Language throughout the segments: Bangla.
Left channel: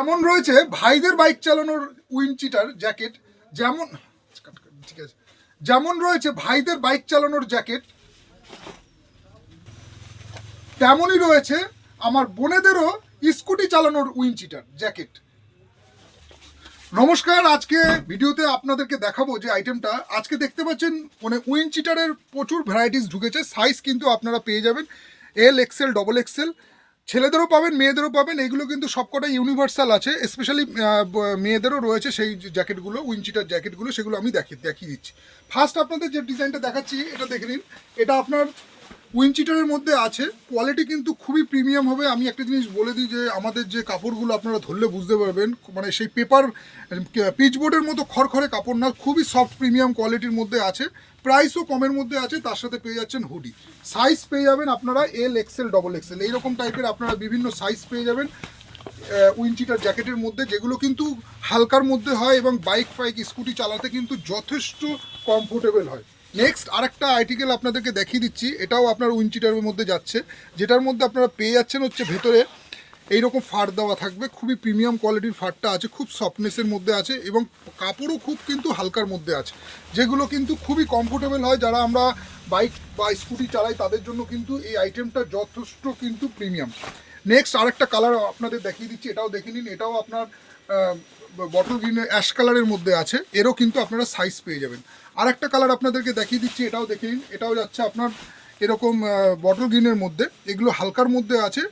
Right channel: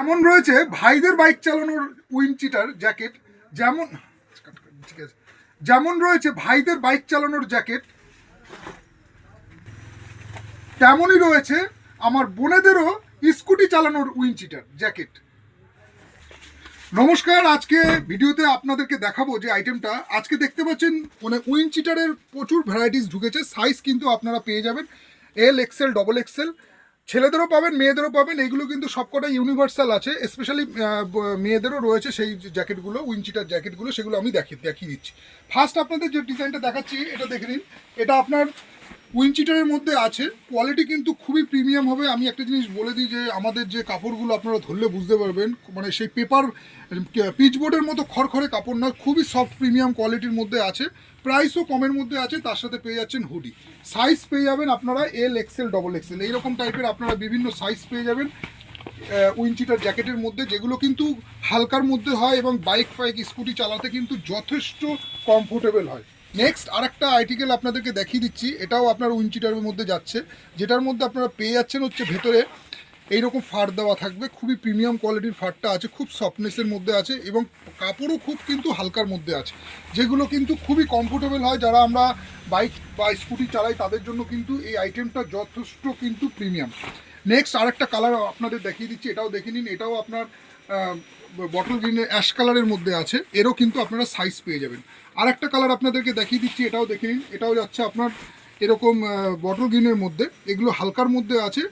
এমন রয়েছে, ভাইদের বাইক চালানোর উইনচিটার জ্যাকেট, যেমন, ঠিক আছে, যেমন রয়েছে ভাইদের বাইক চালানোর জ্যাকেট, তেমনই রয়েছে আমার বোনেদেরও স্কুটি চালানোর উইনচিটার জ্যাকেট। নমস্কার, আজকে ভিডিওতে আপনাদেরকে দেখাবো যে আইটেমটা। আজকে দেখতে পাচ্ছেন মানে উইনচিটারের প্রচুর ভ্যারাইটিস ঢুকেছে সাইজ কিন্তু আপনারা পেয়ে যাবেন এল এক্সেল ডবল এক্সেল ছেলেদেরও পাবেন, মেয়েদেরও পাবেন এইগুলো কিন্তু সবকটা ইউনিভার্সাল আছে স্পেশালি মেয়েদেরও রয়েছে সেই জ্যাকেটগুলো উইনচিটার জ্যাকেটগুলো সেগুলো আমি দেখি, দেখিয়ে দিচ্ছি। ফার্স্ট আপনাদের যে ডিজাইনটা দেখাচ্ছি, এটা দেখে নিন। এটা আপনার উইনচিটারের মধ্যে আছে। কোয়ালিটি কিন্তু খুবই প্রিমিয়াম হবে। আমি একটা জিনিস বলে দিই যে, আমাদের যে কাপড়গুলো আপনারা ধরলে বুঝতে পারবেন মানে সেই পেপার পিচবোর্ডের মতো খড়খড়ে কাপড় না, খুবই সফট প্রিমিয়াম কোয়ালিটির মধ্যে আছে। প্রাইসও কমের মধ্যে আছে, তার সাথে পেয়ে যাচ্ছেন হুডি সাইজ পেয়ে যাবেন আপনারা এল এক্সেল ডবল এক্সেল এইরকম টাইপের আপনারা বিভিন্ন সাইজ পেয়ে যাবেন উইনচিটার জ্যাকেটের মধ্যে। যেগুলো কিন্তু হালকার মধ্যে হয় এবং বাইক ফাইক স্কুটি চালাতে কিন্তু যথেষ্ট কমফোর্টেবল হয়। নেক্সট আরেকটা আর্টিকেল আপনাদেরকে দেখিয়ে দিচ্ছি। এটাও আপনার উইনচিটারের মধ্যে যাচ্ছে। যেটার মধ্যে আপনারা পেয়ে যাচ্ছেন হচ্ছে ভেতরে এইরকম ফার দেওয়া থাকবে। খুবই প্রিমিয়াম কোয়ালিটির ফারটা আছে, খুব সফটনেসের মধ্যে আছে এবং কাপড়ও খুব কিন্তু হালকার মধ্যে আছে। যেগুলো কিন্তু খুবই কমফোর্টেবল হয়। যারা আমরা বাইক বা স্কুটি চালাই, তাদের জন্য কিন্তু এই আইটেমটা যথেষ্ট কিন্তু প্রিমিয়াম নেক্সট আরেকটা কালার আপনাদের দেখিয়ে দিচ্ছি, এটাও দেখে নিন, এটাও আপনার বটল গ্রিনের অ্যাশ কালারের মধ্যে আছে, এরও কিন্তু আপনারা সাইজ পেয়ে যাবেন। আরেকটা কালার আপনাদেরকে দেখিয়ে দিচ্ছি, এটাও দেখে নিন, এটাও যাচ্ছে আপনার এরকম বটল গ্রিনের মধ্যে, এগুলো হালকার মধ্যে আছে।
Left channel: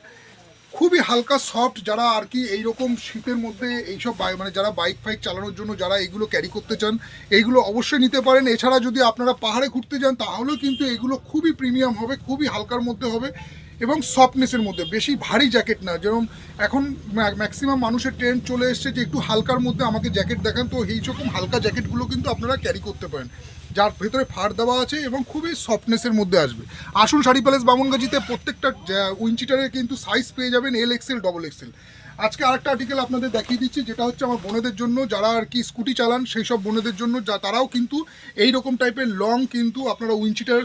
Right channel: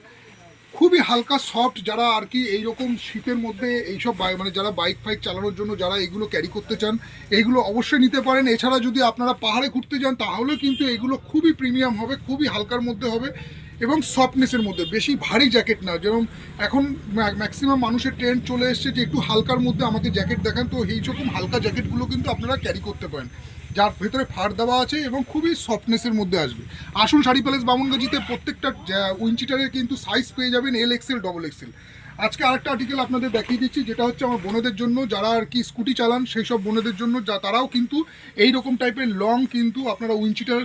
খুবই হালকা সফট যারা আর কি এইরকম শীতের মধ্যে এইসব মানে যারা বাইক ফাইক চালানোর জন্য যারা এইগুলো ক্যারি করতে চান এইগুলো অবশ্যই নিতে পারেন। এছাড়া যদি আপনারা পাহাড়ে ঘুরতে যান, তাহলেও কিন্তু এগুলো খুবই প্রিমিয়াম হবে, খুবই হালকার মধ্যে হবে। এবং সফটনেসের মধ্যে, বেশি ভারী জ্যাকেট না। যেরকম এখন ম্যাক্সিমাম মানুষের ট্রেন্ড চলে এসছে যে একটু হালকার মধ্যে আমাকে জ্যাকেট দেখান, তো এই রকম হালকা জ্যাকেটগুলো কিন্তু আপনারা ক্যারি করতে পারেন। যার ভেতরে ফার দেওয়া আছে এবং খুবই সফটনেসের মধ্যে আসবে। আসুন শাড়ি প্যালেস বামনগাজিতে প্রত্যেকটা উইনচিটারের কিন্তু সাইজ পেয়ে যাবেন এল এক্সেল ডবল এক্সেল আজকে আরেকটা আর্টিকেল আপনাদের দেখিয়ে দিচ্ছি, যেটা হচ্ছে আমার বোনদের জন্য, যারা আর কি স্কুটি চালান, সেই সব বোনেদের জন্য, যা তারাও কিন্তু এই রকম টাইপের লং কিন্তু আপনারা উইনচিটার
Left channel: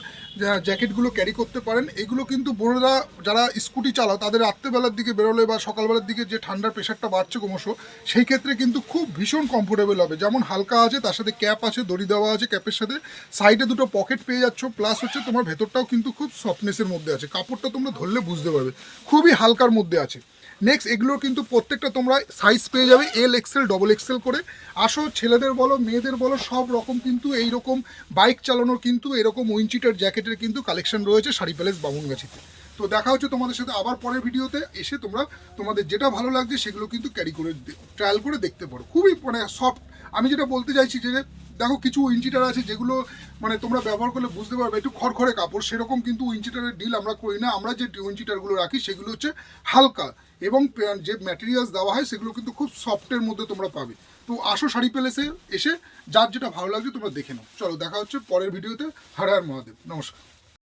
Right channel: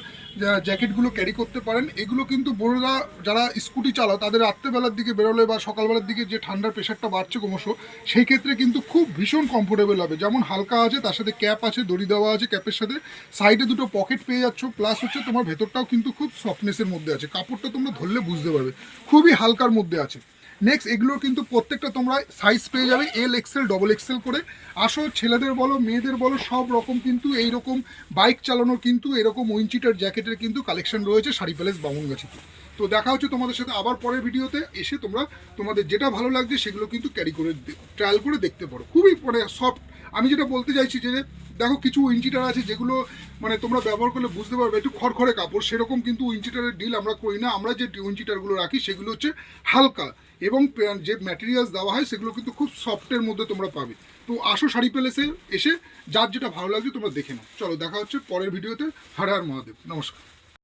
জ্যাকেটগুলো ক্যারি করতে পারেন। এগুলো কিন্তু বোনেরা যারা স্কুটি চালাও, তাদের রাত্রেবেলার দিকে বেরোলে বা সকালবেলার দিকে যে ঠান্ডার প্রেশারটা বাড়ছে ক্রমশ, সেই ক্ষেত্রে কিন্তু খুব ভীষণ কমফোর্টেবল হবে। যেমন হালকা আছে, তার সাথে ক্যাপ আছে, দড়ি দেওয়া আছে ক্যাপের সাথে। সাইডে দুটো পকেট পেয়ে যাচ্ছ প্লাস হচ্ছে তোমার ভেতরটাও কিন্তু খুব সফটনেসের মধ্যে আছে। কাপড়টা তোমরা ধরলে বুঝতে পারবে। খুবই হালকার মধ্যে আছে। নেক্সট এগুলো কিন্তু প্রত্যেকটা তোমরা সাইজ পেয়ে যাবে এল এক্সেল ডবল এক্সেল করে। আসো, ছেলেদের বলো, মেয়েদের বলো, সব রকম কিন্তু এই রকম বাইক চালানোর কিন্তু এরকম উইনচিটার জ্যাকেটের কিন্তু কালেকশন রয়েছে শাড়ি প্যালেস বামুনগাছিতে তো দেখা হচ্ছে তোমাদের সাথে আবার পরের ভিডিওতে, এসে তোমরা তোমাদের যেটা ভালো লাগছে সেগুলো কিন্তু ক্যারি করে ট্রায়াল করে দেখতে পারো। খুবই মানে সফট আমি যেটা বলতে চাইছি যে দেখো, কিছু উইনচিটার আছে যেগুলো মানে তোমরা ব্যবহার করলে বুঝতে পারবে, একটু খড়খড়ে কাপড়, সেরকম কিন্তু উইনচিটারের ডিল আমরা করি না। আমরা যে উইনচিটারগুলো রাখি, সেগুলো হচ্ছে হালকা এবং যে ম্যাটেরিয়ালস দেওয়া হয়, সেগুলো কিন্তু খুব সফটের মধ্যে তোমরা পাবে। তো আসো শাড়ি প্যালেসে এসে, যার যেটা ভালো লাগবে তোমরা দেখে নাও। চলো, দেখা হচ্ছে পরের ভিডিওতে হর মহাদেব। নমস্কার।